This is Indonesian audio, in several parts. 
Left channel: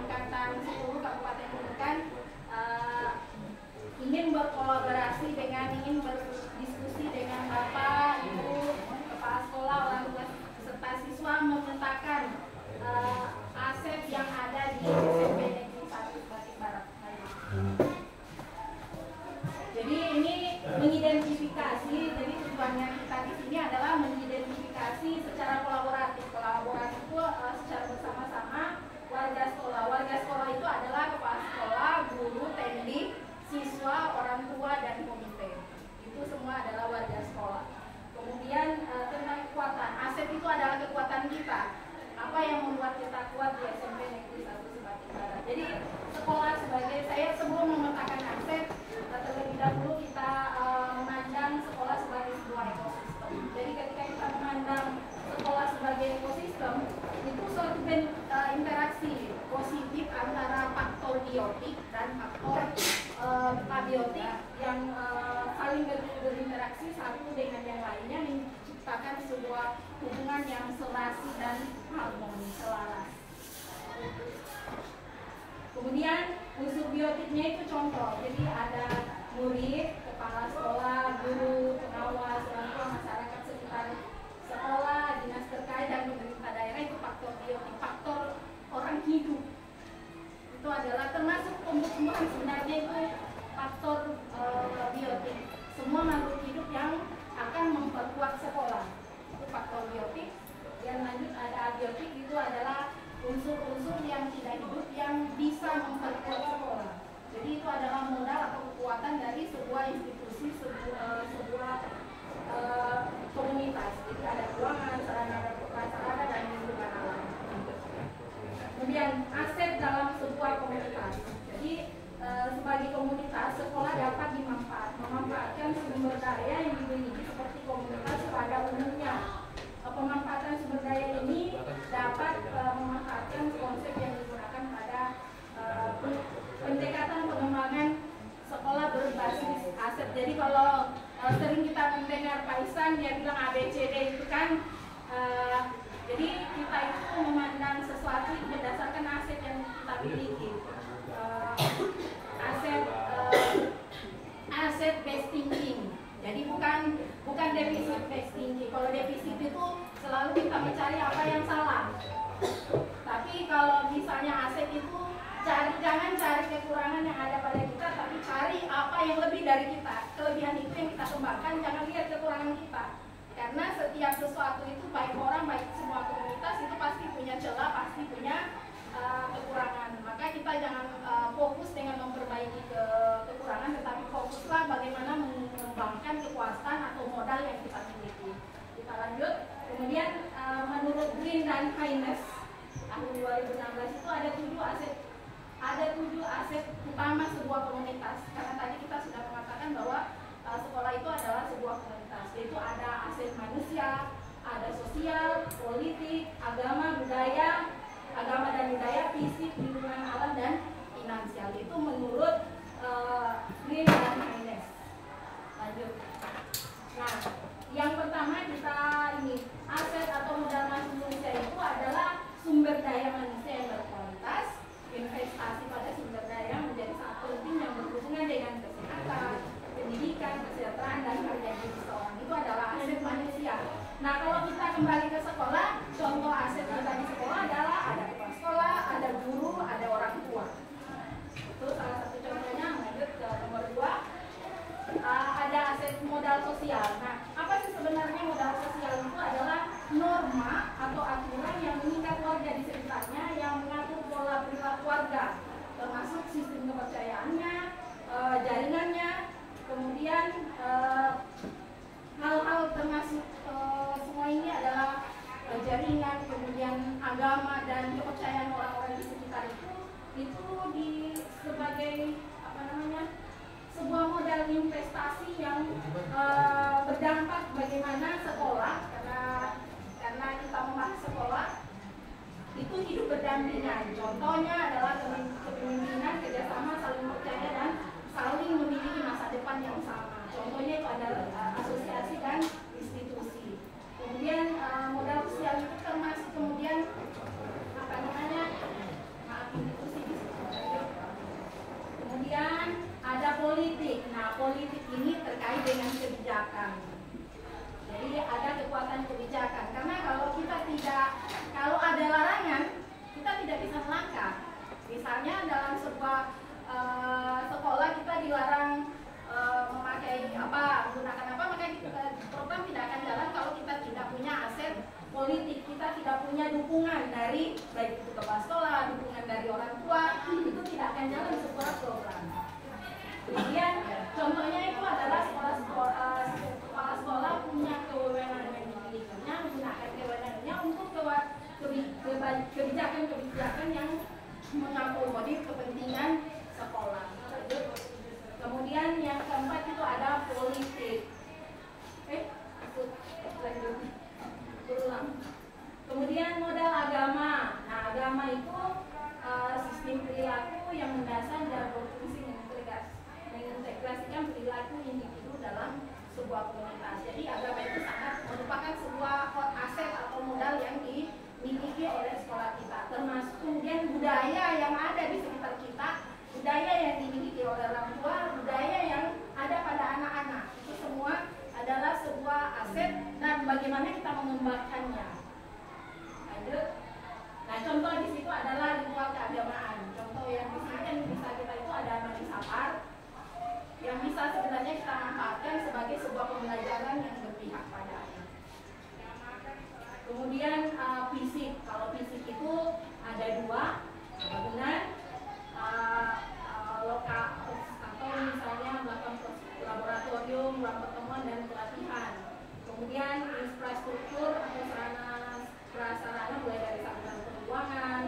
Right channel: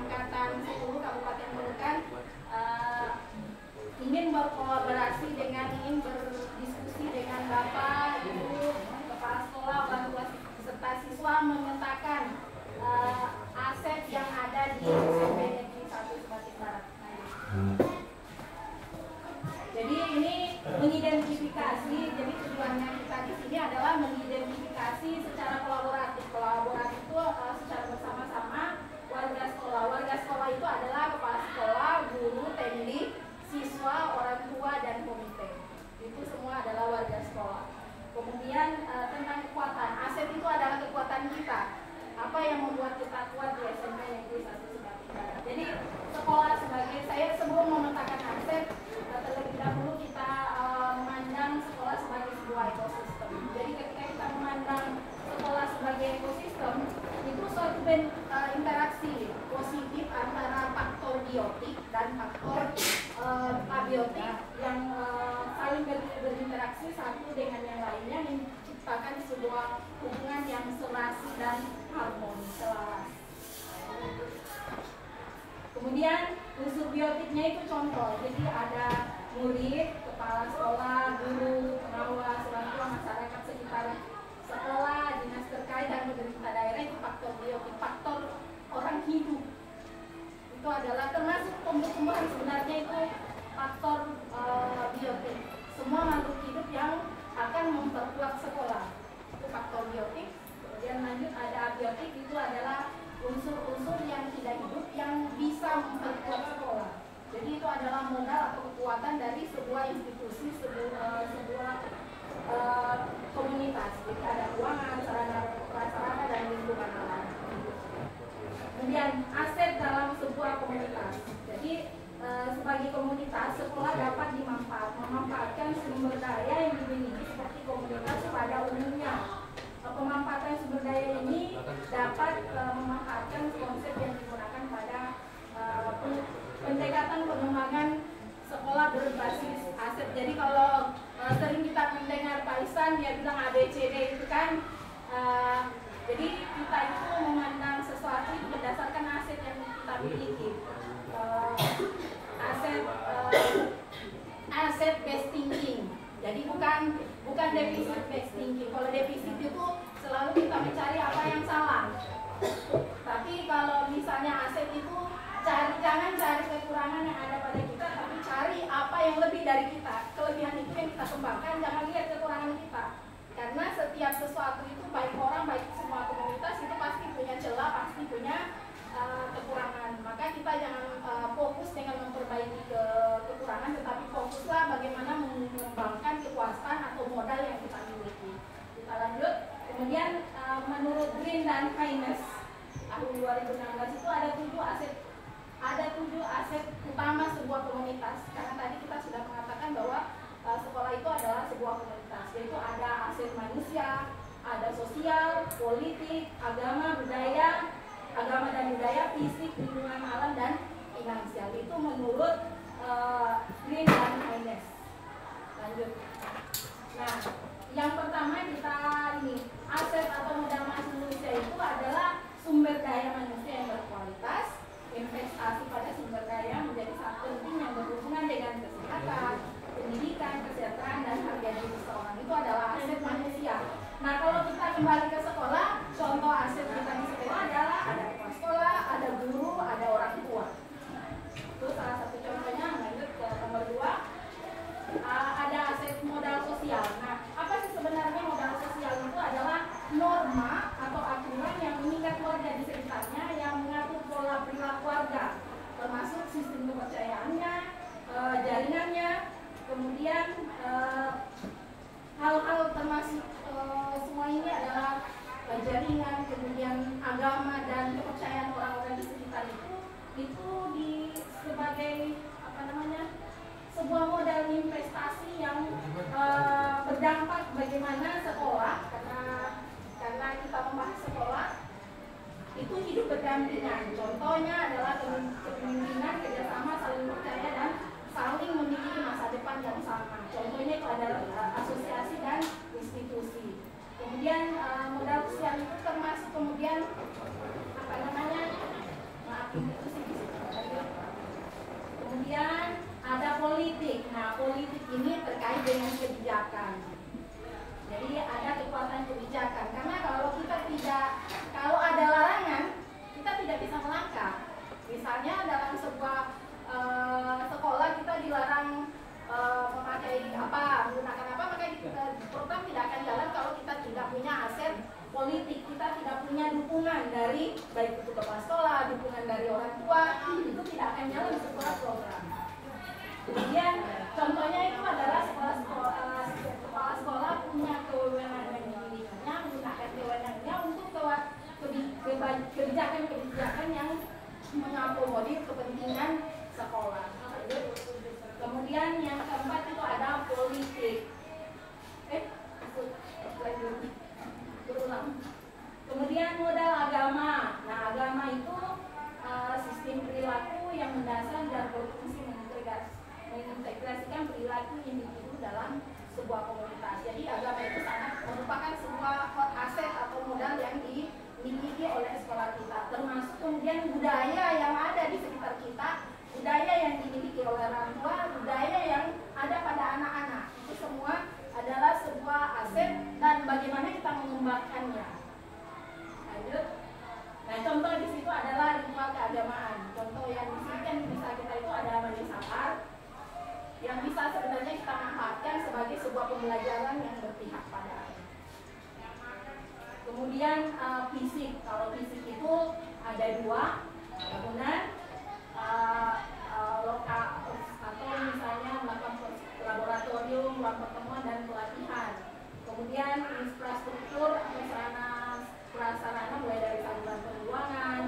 Angkatan 10 Kabupaten Nunukan ingin berkolaborasi ingin berdiskusi dengan Bapak, Ibu, kepala sekolah, orang tua serta siswa memetakan aset yang ada di SMP Negeri 1 Sebatik Barat. Jadi ini mengidentifikasi, jadi tujuannya kita di sini adalah mengidentifikasi secara kolaboratif. Kolaboratif itu secara bersama-sama warga sekolah. Warga sekolah itu adalah kepala sekolah, guru, TMD, siswa, orang tua, dan komite. Itu semua adalah warga sekolah. Kemudian tentang kekuatan, aset itu adalah kekuatan kita. Apa yang membuat kita kuat di SMP Negeri 1 Sebatik Barat. Jadi sekolah sebagai, saya sebelum memetakan aset, terlebih dahulu kita memandang sekolah sebagai sebuah ekosistem. Jadi ketika kita memandang sekolah sebagai ekosistem, itu suatu interaksi positif antara faktor biotik dan faktor abiotik yang saling berinteraksi satu dengan yang lainnya, menciptakan sebuah hubungan yang serasi dan harmoni, selaras. Kemudian unsur biotiknya itu contoh, jadi ada murid, kepala sekolah, guru, pengawas, orang tua, masyarakat sekitar sekolah, dinas terkait, dan pemerintah daerah. Itu faktor biotik, faktor orang hidup. Itu adalah termasuk tumbuh-tumbuhan, sebenarnya itu faktor biotik. Semua makhluk hidup yang akan memperkuat sekolah itu faktor biotik. Yang lanjut ada abiotik, itu adalah unsur-unsur yang tidak hidup yang bisa memperkuat sekolah. Jadi itu adalah modal atau kekuatan dari sebuah institusi, sebuah komunitas. Jadi ada ruangan, sarana prasarana, dan lingkungan alam. Kemudian aset dalam sebuah komunitas. Jadi sebagai komunitas, sekolah dapat memanfaatkan sumber daya yang dimiliki seperti komunitas pada umumnya. Pemanfaatan sumber daya ini dapat memanfaatkan konsep yang digunakan pada pendekatan pengembangan sekolah berbasis aset. Jadi kalau sering kita mendengar Pak Ihsan, dia bilang ABCD itu kan, jadi kita itu memandang sesuatu itu berdasarkan aset yang kita miliki. Aset based thinking. Jadi bukan defisit based thinking. Kalau defisit itu selalu kita mencari apa yang salah. Tapi kalau misalnya aset itu jangan cari kekurangan yang ada pada kita, tapi cari apa yang lebih dari kita. Kelebihan itu yang kita kembangkan, jangan lihat kekurangan kita. Karena setiap sesuatu itu, baik orang, baik semua komunitas itu pasti punya celah, pasti punya kekurangan. Maka kita jangan fokus dengan memperbaiki kekurangan, tetapi fokuslah bagaimana mengembangkan kekuasaan atau modal yang kita miliki. Kita lanjut. Kemudian menurut Green dan Keynes tahun 2016 itu ada 7 aset utama sebuah komunitas. Karena tadi kita sudah mengatakan bahwa sekolah itu adalah sebuah komunitas, yaitu ada aset manusia, ada sosial, politik, agama dan budaya, fisik, lingkungan alam, dan finansial. Itu menurut Green dan Keynes. Lanjut. Nah, yang pertama kita ini aset atau modal manusia itu adalah sumber daya manusia yang berkualitas. Investasi pada sumber daya menjadi sangat penting yang berhubungan dengan kesehatan, pendidikan, kesejahteraan, dan harga diri seseorang. Itu adalah aset manusia. Nah, kalau kita kembali ke sekolah, contoh aset kita di sekolah adalah ada kepala sekolah, ada guru, ada orang tua. Itu salah satu contohnya. Lanjut ke nomor 2, ada aset modal sosial. Nah, apa sih sebenarnya modal sosial? Itu adalah norma atau aturan yang mengikat warga di sekitarnya, yang mengatur pola perilaku warga, termasuk sistem kepercayaannya, jaringannya, kemudian hal-hal termasuk semua ini adalah jaringan, kemudian agama, dan kepercayaan orang-orang di sekitar itu sebagai sebuah modal investasi yang berdampak bagaimana sekolah, karena kita membahas sekolah itu hidup berdampingan. Contohnya adalah kepemimpinan, kerjasama, saling percaya, dan saling memiliki masa depan yang sama. Contohnya itu adalah asosiasi dan institusi. Kemudian modal sosial itu termasuk kemudian hakim itu sih di situ. Kemudian ada politik. Nah, politik ini terkait dengan kebijakan. Jadi ada kekuatan kebijakan. Karena kalau ada larangan, kita tidak bisa melangkah. Misalnya dalam sebuah sekolah kita dilarang memakai apa, menggunakan apa, maka program tidak akan jalan kalau kita tidak punya aset politik, kita tidak punya dukungan dari baik itu kepala sekolah, dukungan dari orang tua, itu tidak akan jalan sebuah program. Kemudian contohnya itu adalah kepala sekolah punya kewenangan yang dimilikinya, menggunakan kewenangannya untuk kebijakan-kebijakan yang mengakomodir kepentingan sekolah. Kemudian yang keempat itu ada politik. Berulang. Kemudian modal agama. Nah, agama itu sistem perilaku yang mendasar dan berfungsi mengintegrasikan perilaku individu dalam sebuah komunitas. Jadi agama itu sangat merupakan sebuah aset atau modal yang dimiliki oleh sekolah kita. Termasuk kemudian budaya yang ada di sekitar kita, budaya yang dimiliki oleh orang tua, budaya yang ada pada anak-anak. Itu semua adalah sebuah aset dan bagaimana kita mengembangkannya. Nah, contoh di situ adalah ritual keagamaan. Contoh yang di sini kan bisa kita itu ada majelis akad yang bisa sebenarnya kita manfaatkan sebagai sebuah pembelajaran yang berpihak pada anak. Kemudian fisik. Kalau fisik itu ada dua, bangunan lokal atau misalnya melakukan laboratorium, ruang pertemuan dan pelatihan. Kemudian infrastruktur atau sarana mulai dari saluran pembuangan,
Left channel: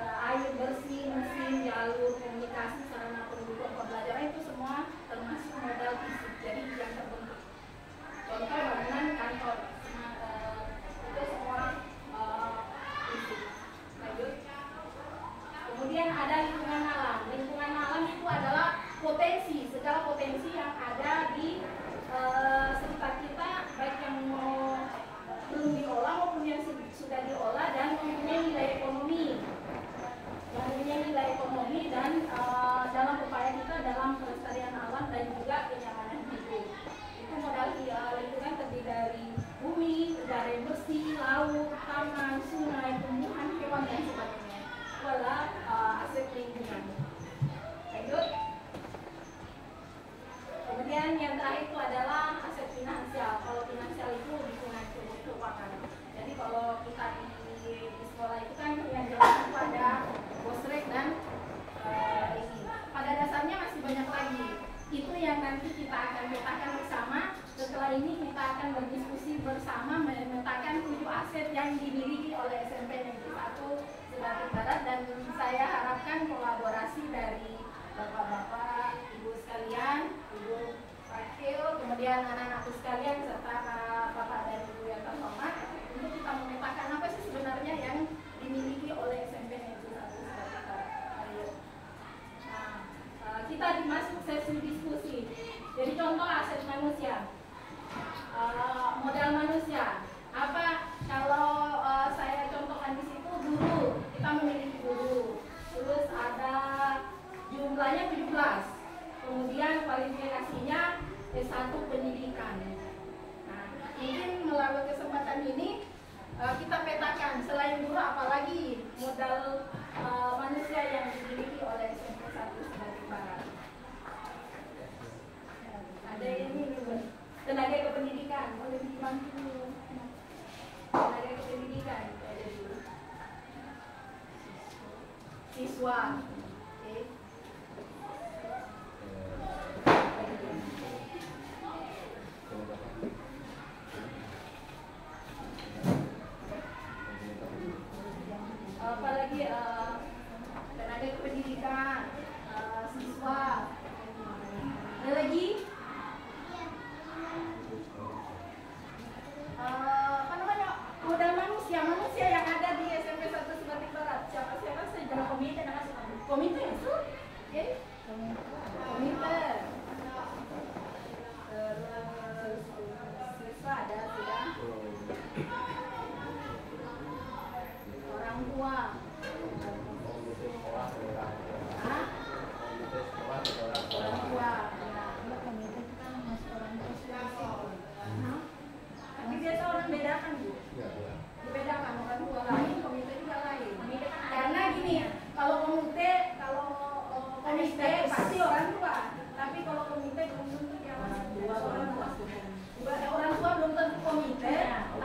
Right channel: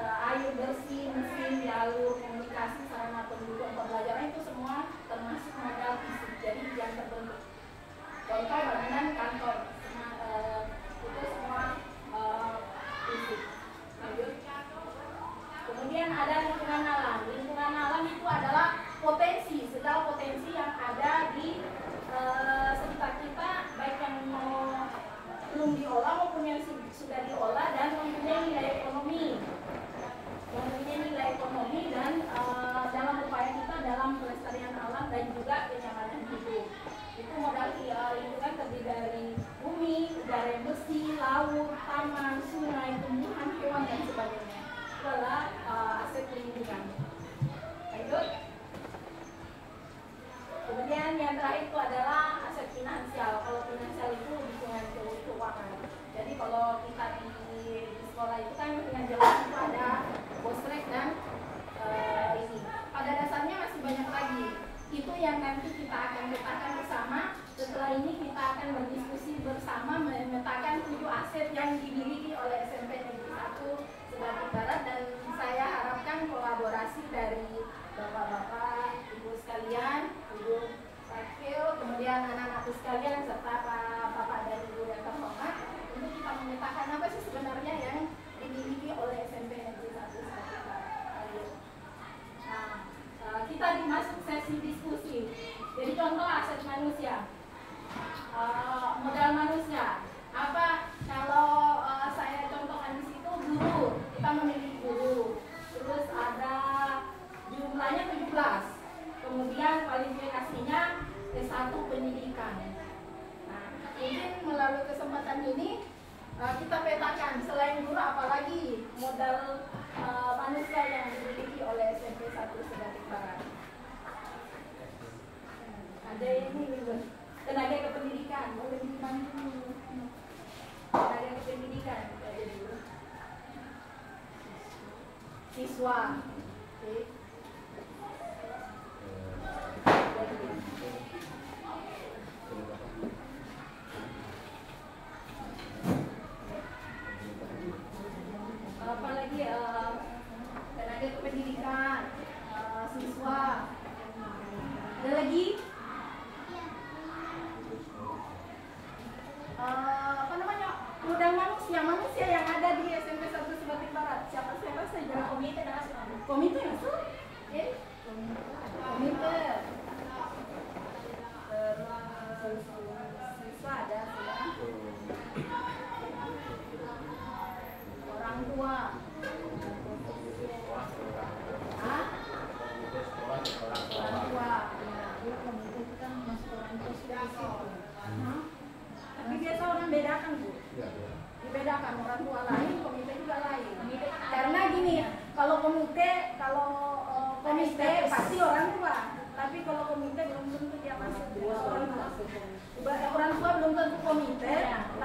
air bersih, mesin, jalur komunikasi, sarana pendukung pembelajaran, itu semua termasuk modal fisik. Jadi yang terbentuk. Contoh bangunan kantor, itu semua fisik. Lanjut. Kemudian ada lingkungan alam. Lingkungan alam itu adalah segala potensi yang ada di sekitar kita, baik yang belum diolah maupun yang sudah diolah dan mempunyai nilai ekonomi dan dalam upaya kita dalam pelestarian alam dan juga kenyamanan hidup. Itu modal lingkungan terdiri dari bumi, udara yang bersih, laut, taman, sungai, tumbuhan, hewan dan sebagainya. Itu adalah aset lingkungan. Lanjut. Kemudian yang terakhir itu adalah aset finansial. Kalau finansial itu dukungan keuangan. Jadi kalau kita di sekolah itu kan dengan jelas itu ada bosrek dan ini. Pada dasarnya masih banyak lagi. Itu yang nanti kita akan petakan bersama. Setelah ini kita akan berdiskusi bersama memetakan 7 aset yang dimiliki oleh SMP Negeri 1 Sebatik Barat, dan saya harapkan kolaborasi dari Bapak-bapak, Ibu sekalian, Ibu Wakil, kemudian anak-anakku sekalian, serta Bapak dan Ibu yang terhormat, untuk kita memetakan apa sih sebenarnya yang dimiliki oleh SMP Negeri 1 Sebatik Barat. Nah, kita dimasuk sesi diskusi. Jadi contoh aset manusia, modal manusia. Apa kalau saya contohkan di situ guru, kita memiliki guru. Terus ada jumlahnya 17. Kemudian kualifikasinya S1 pendidikan. Nah, mungkin melalui kesempatan ini kita petakan selain guru apalagi modal manusia yang dimiliki oleh SMP 1 Sebatik Barat. Ada ini tenaga kependidikan, boleh dibantu. Tenaga kependidikan, siswa. Oke. Apalagi tenaga kependidikan, siswa. Ada lagi modal manusia yang ada di SMP 1 Sebatik Barat. Siapa saja? Komite nasional. Komite nasional. Oke. Komite. Terus siswa ada sudah. Orang tua.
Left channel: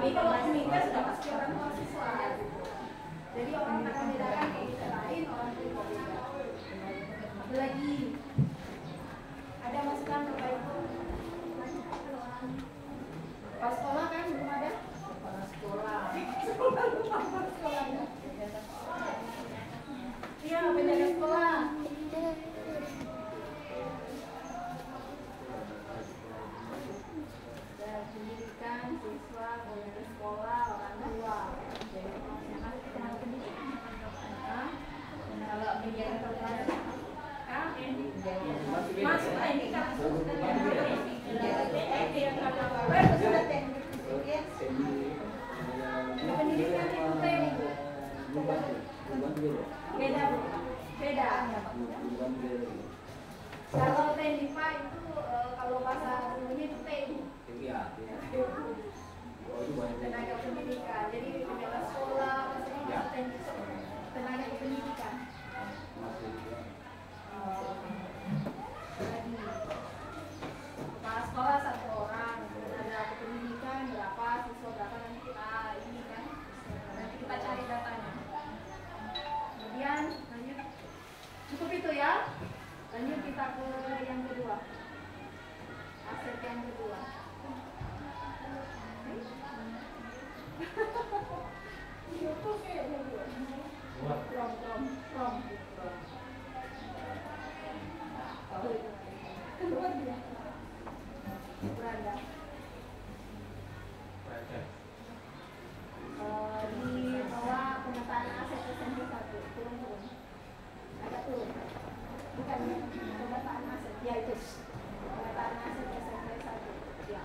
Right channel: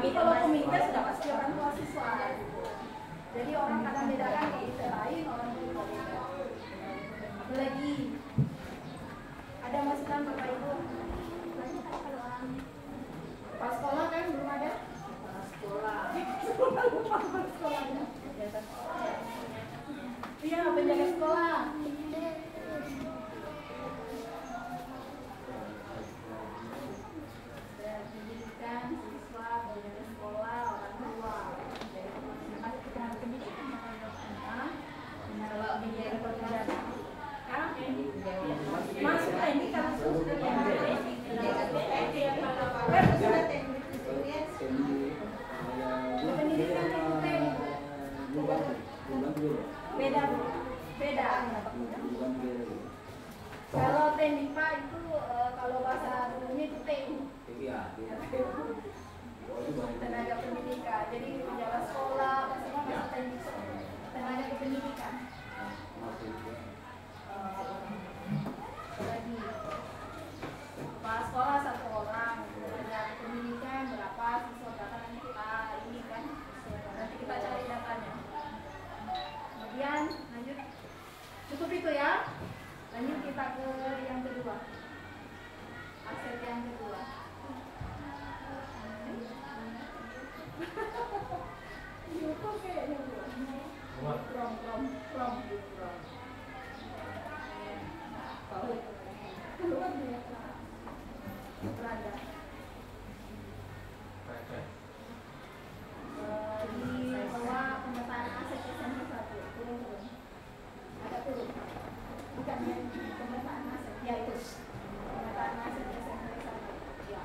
Tapi kalau komite sudah pasti orang tua siswa. Jadi orang kadang bedakan komite lain, orang tua komite. Apalagi ada masukan Bapak Ibu? Pas sekolah kan belum ada? Sekolah. Iya, penjaga sekolah. Pendidikan, siswa, penjaga sekolah, orang tua. Jadi pendidikan pendidikan. Kalau penjaga penjaga, masuk teknik kan sudah beda. Kalau teknika itu kalau bahasa dulunya itu tenaga pendidikan. Jadi penjaga sekolah masing-masing teknik tenaga pendidikan. Lagi kepala sekolah 1 orang, tenaga pendidikan berapa, siswa berapa, nanti kita ini kan, nanti kita cari datanya. Kemudian lanjut, cukup itu ya. Lanjut kita ke yang kedua, aset yang kedua. Itu kayaknya from. Beranda. Di bawah pemetaan aset SMP 1 turun. Ada turun. Bukan pemetaan aset, ya itu. Pemetaan aset SMP 1. Ya.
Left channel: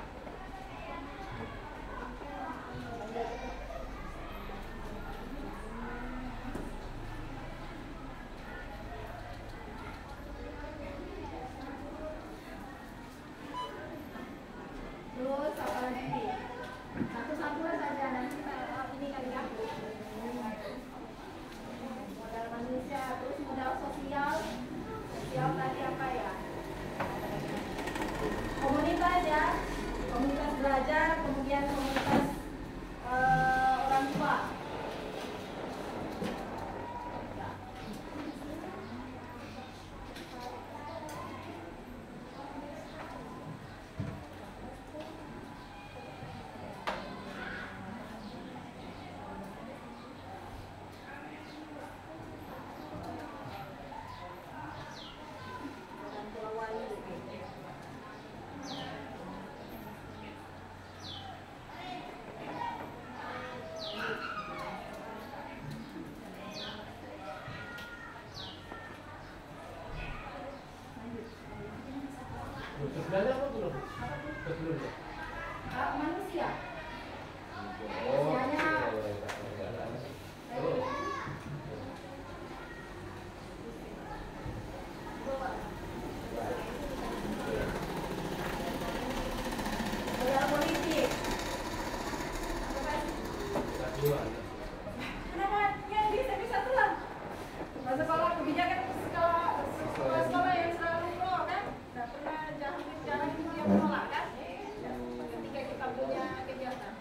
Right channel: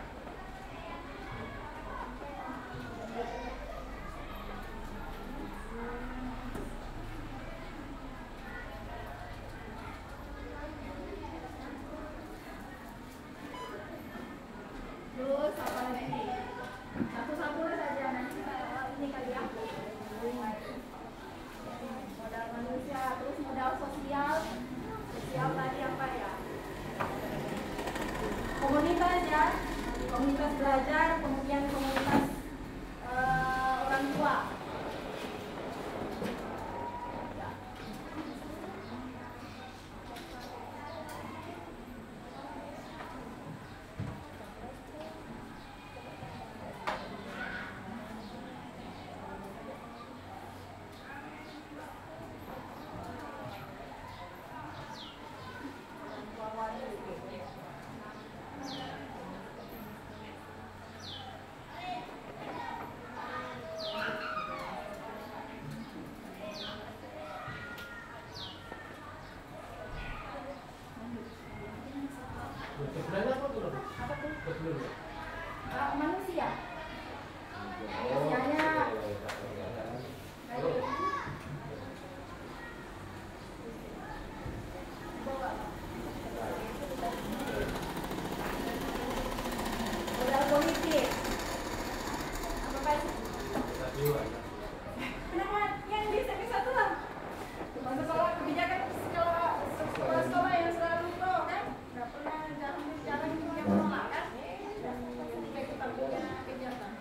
Terus apa lagi? Satu-satu saja nanti ini kali ya. Modal manusia, terus modal sosial. Sosial tadi apa ya? Komunitas ya, komunitas belajar, kemudian komunitas orang tua. Manusia. Manusianya modal politik. Apa sih? Kenapa yang bisa tuh lah? Masa sekolah kebijakan sekolah yang selalu pro kan? Nggak pernah jalan yang menolak kan? Ketika kita punya kegiatan.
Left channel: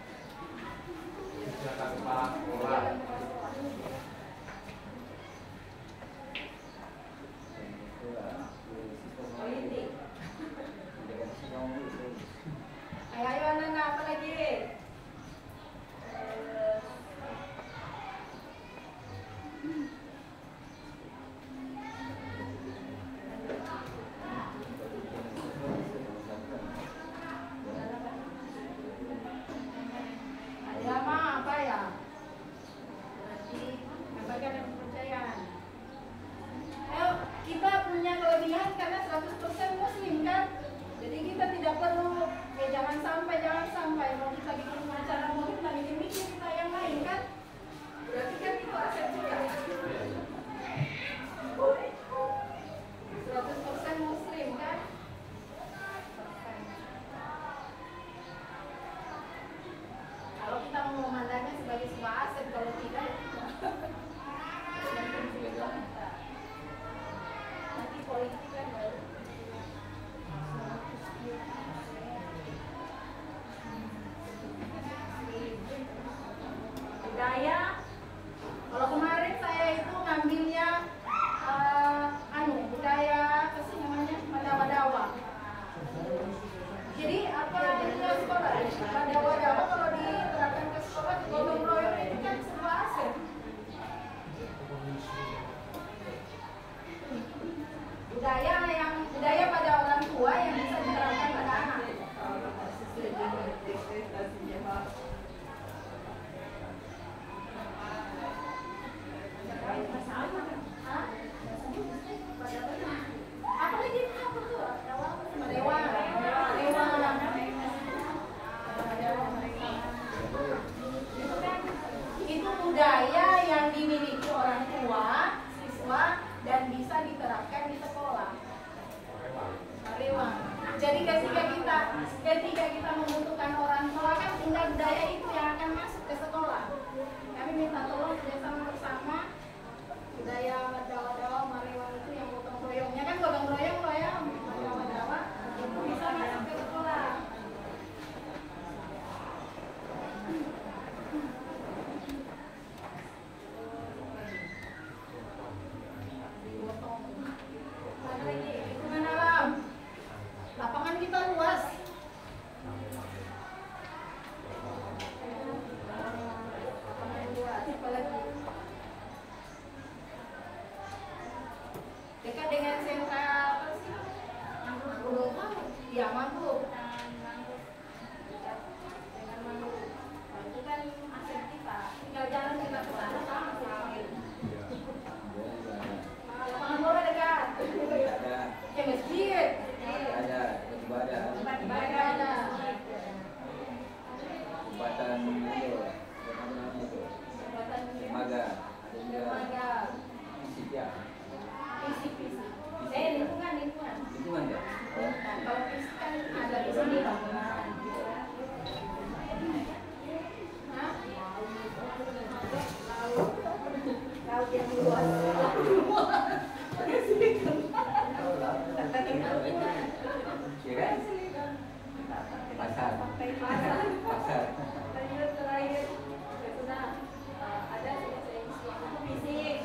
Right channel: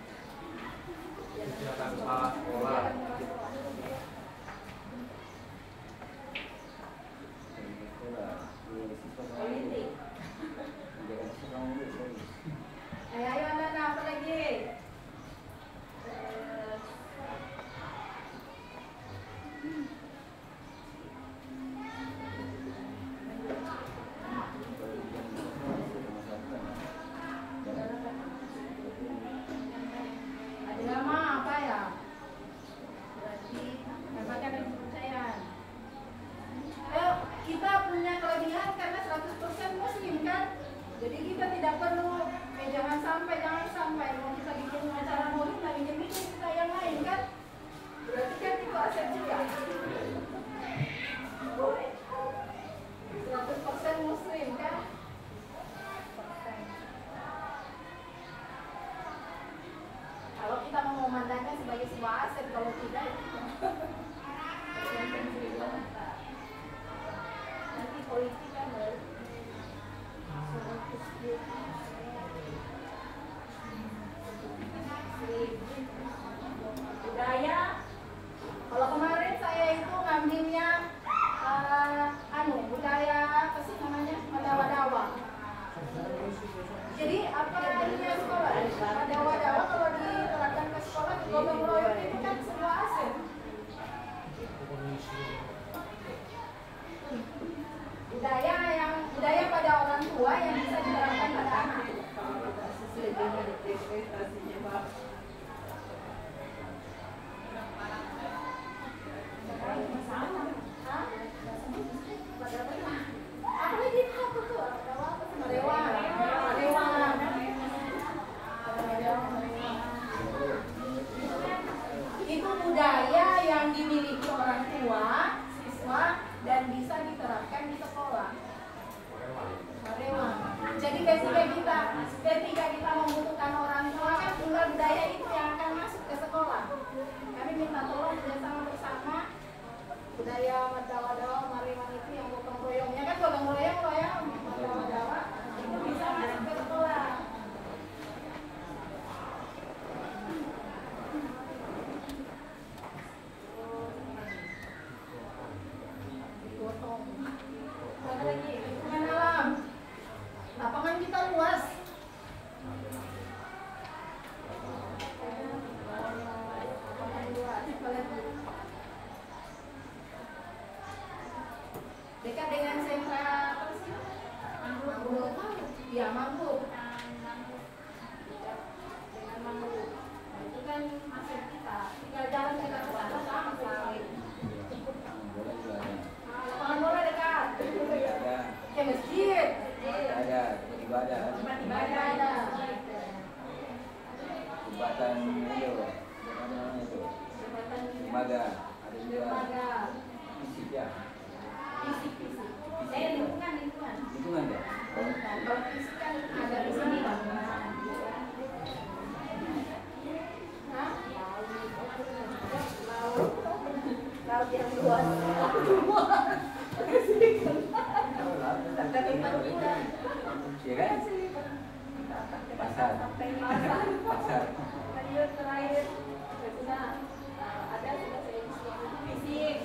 dimiliki orang tua, siswa, dan bisa diterapkan di sekolah. Jadi ketika kita membutuhkan orang tua kan tinggal budaya itu yang akan masuk ke sekolah. Kami minta tolong bersama-sama budaya wadawa Mariwan itu yang gotong royongnya kan gotong royong loh ya, wadawa itu bisa masuk ke sekolah. Ada lagi lingkungan alam. Lapangan kita luas. Lapangan luas. Apalagi dekat dengan sentra apa sih? Mangrove. Iya, mangrove. Dekat dengan mangrove. Nah, itu kan aset kita. Tinggal jalan kita ke sana langsung. Lapangan bola dekat. Ya masjid. Ada ibadah. Tempat ibadah ada. Jembatan itu, Jembatan lembaga, ada juga lembaga. fisik ya. Fisik. Lingkungan. Lingkungan ya. Kalau fisik kan ada di sini bangunan. Hah? Laut yang luas. Iya kan? Pasar. Terakhir sudah ada fisik.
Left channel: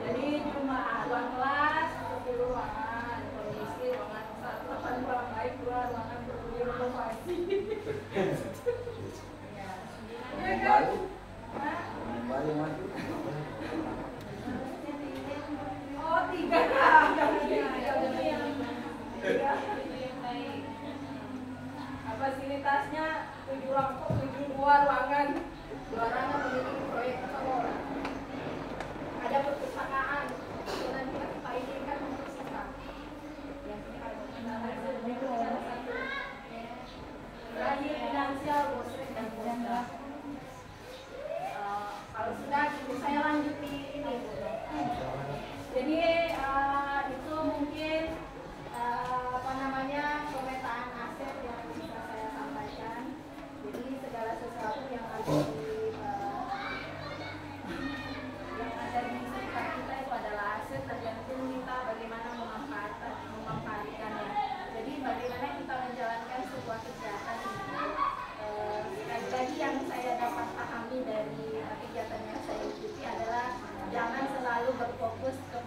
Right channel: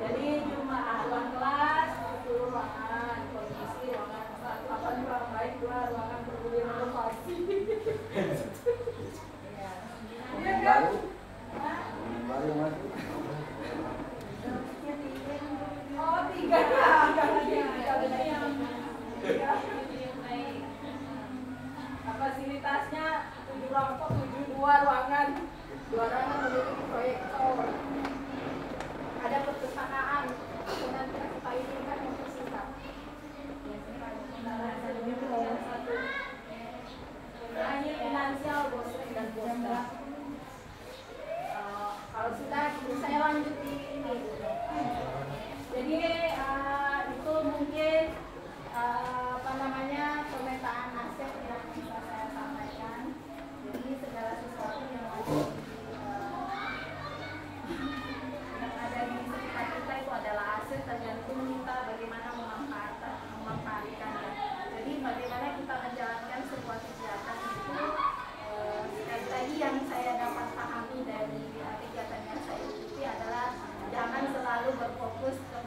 Jadi cuma ruang kelas 10 ruangan, kondisi ruangan 8 ruang baik 2 ruangan berguna inovasi. Yang baru, yang baru masuk. Oh 3. Fasilitasnya 7 ruangan, 2 ruangan memiliki proyektor, ada perpustakaan, dan Pak ini kan untuk singkat. Lagi finansial, bostrek dan poster. Kalau sudah, saya lanjut di ini. Jadi itu mungkin pemetaan aset yang bisa saya sampaikan. Jadi segala sesuatu yang ada di sekitar kita itu adalah aset, tergantung kita bagaimana memanfaatkannya. Jadi bagaimana kita menjalankan sebuah kegiatan itu, sekali lagi yang saya dapat pahami dari kegiatan yang saya ikuti adalah jangan selalu berfokus ke